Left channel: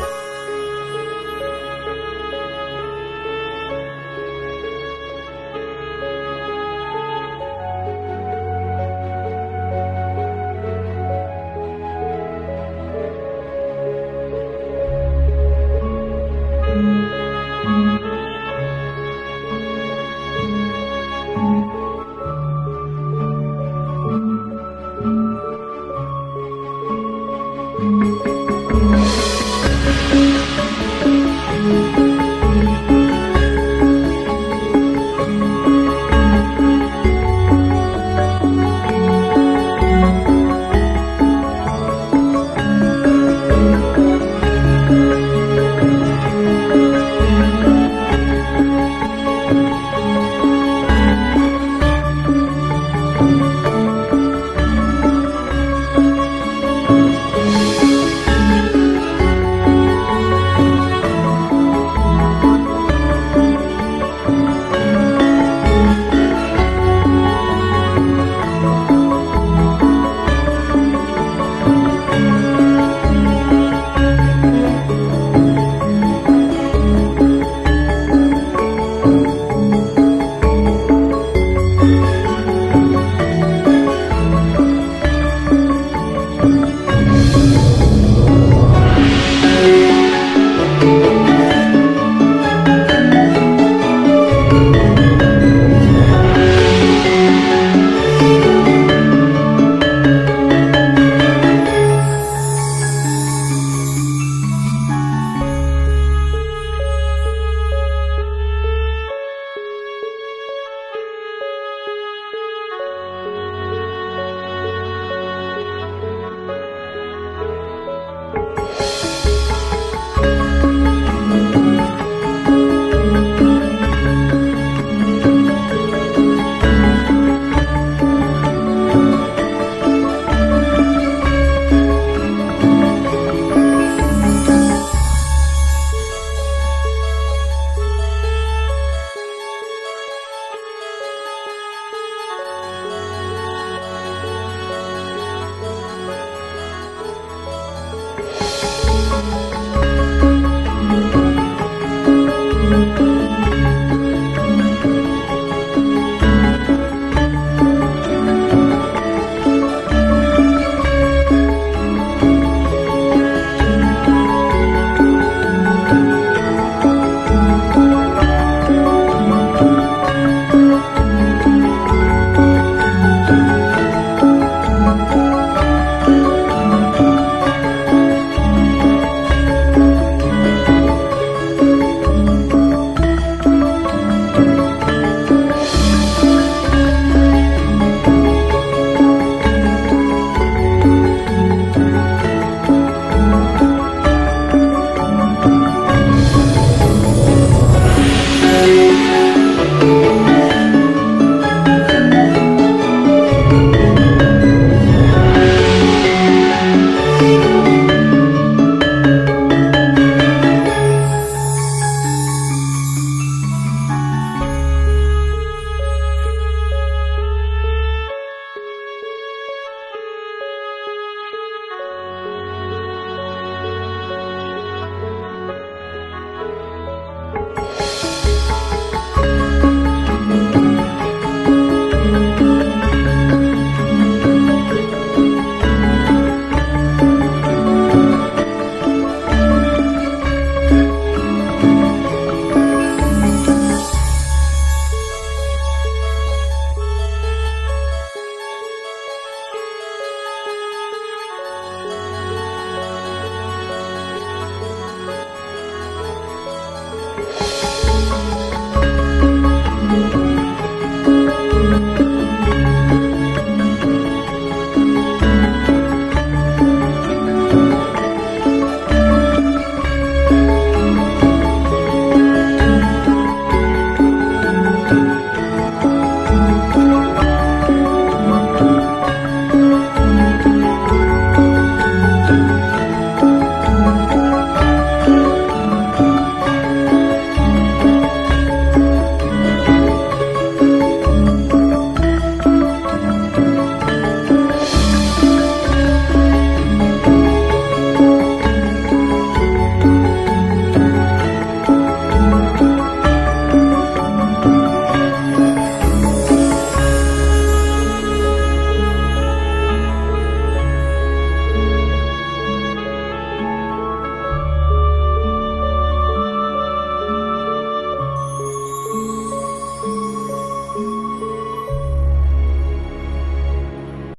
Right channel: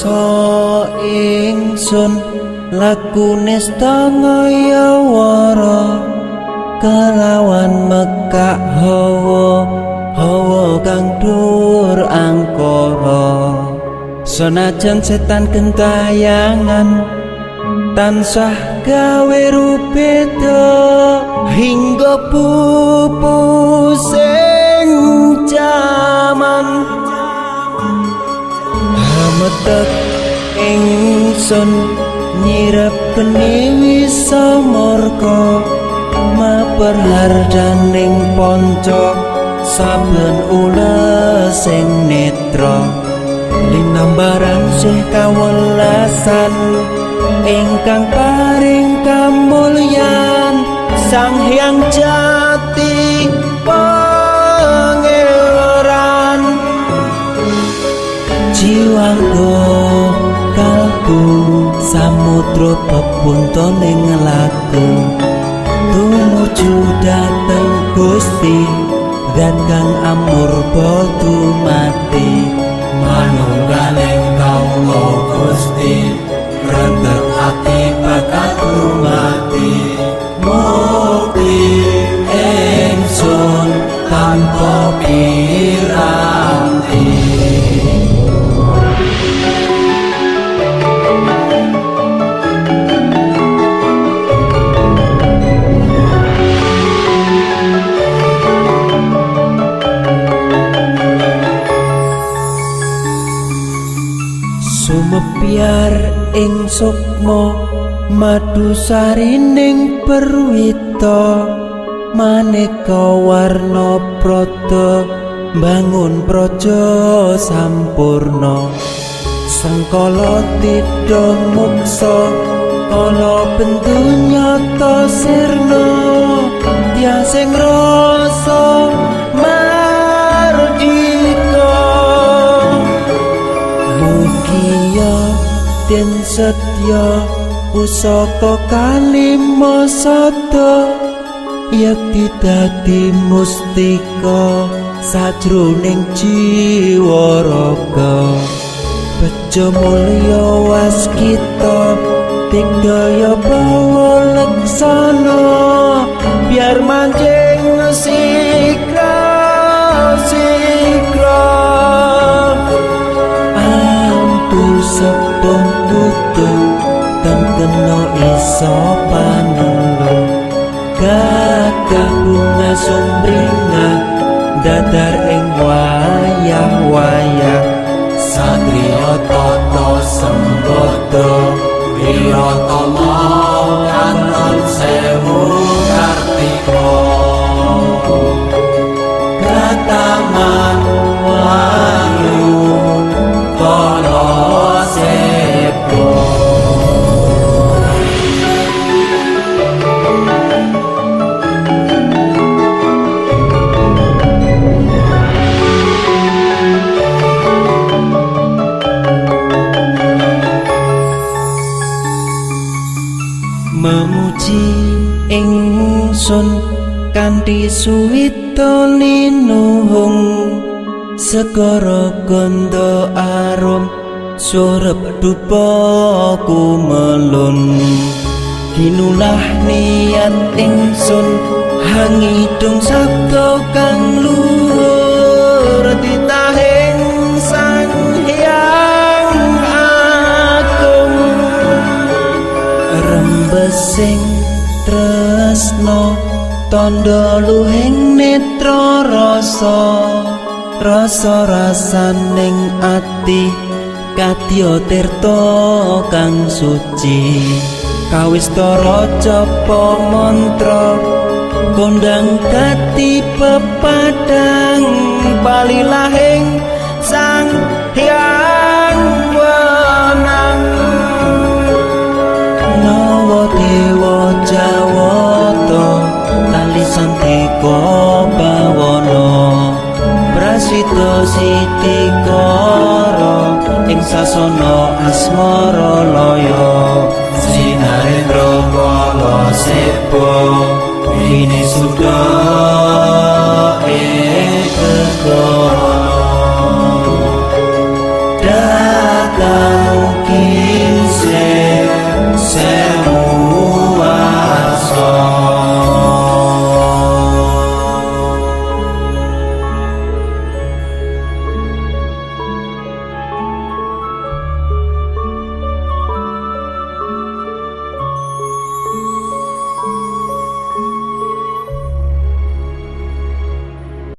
ngrasa ingsun lakune stangaya wara kelawan mekak hawa kang dur angkara senajan setan gentayangan tansah gawe rupeda hingga pupusing jaman hametek ingsun nyirep kene samorka maperhardaning ponco samben ula sing netra linambaran sing kawelasan ingkang paring kamulyan Sang Hyang Jati Pangeran jiwaku kalbu samudra pepuntaning laku tumuju dhateng Gusti dan kang amur bodu mati manunggaling kaula Gusti rentek ati bakal mati mukti ingsun tanpa piranti sumebyar ing sukma madu sarining perwita maneka warna prada bangun praja sampurna sangkala tidha mungsa ana bentuk nyata sirna yang sing rasa mardika mugia den setya pusaka kalima sada yakti dadi mustika sajroning jiwa raga bejo mulya waskita tingdaya pangulaksana biar manjing sikra ampun sepung kudu tengkena iso panulung gagah bunga sumringah dadar ing wayang-wayang satriya tata sempata wirata kanton sewu kartika kataman lalu tala sepu memuji ingsun kanthi suwita linuhung segara ganda arum surep dupa kumelun kinunah niat ingsun hangidung saka kang luhur titahing Sang Hyang Agung rembesing tresno tandha luhing netra rasa-rasaning ati kadya tirta kang suci kawistara japa mantra kondang gati pepadang palilahing Sang Hyang Wenang nawa dewa jawata lali santika bawana prasita siti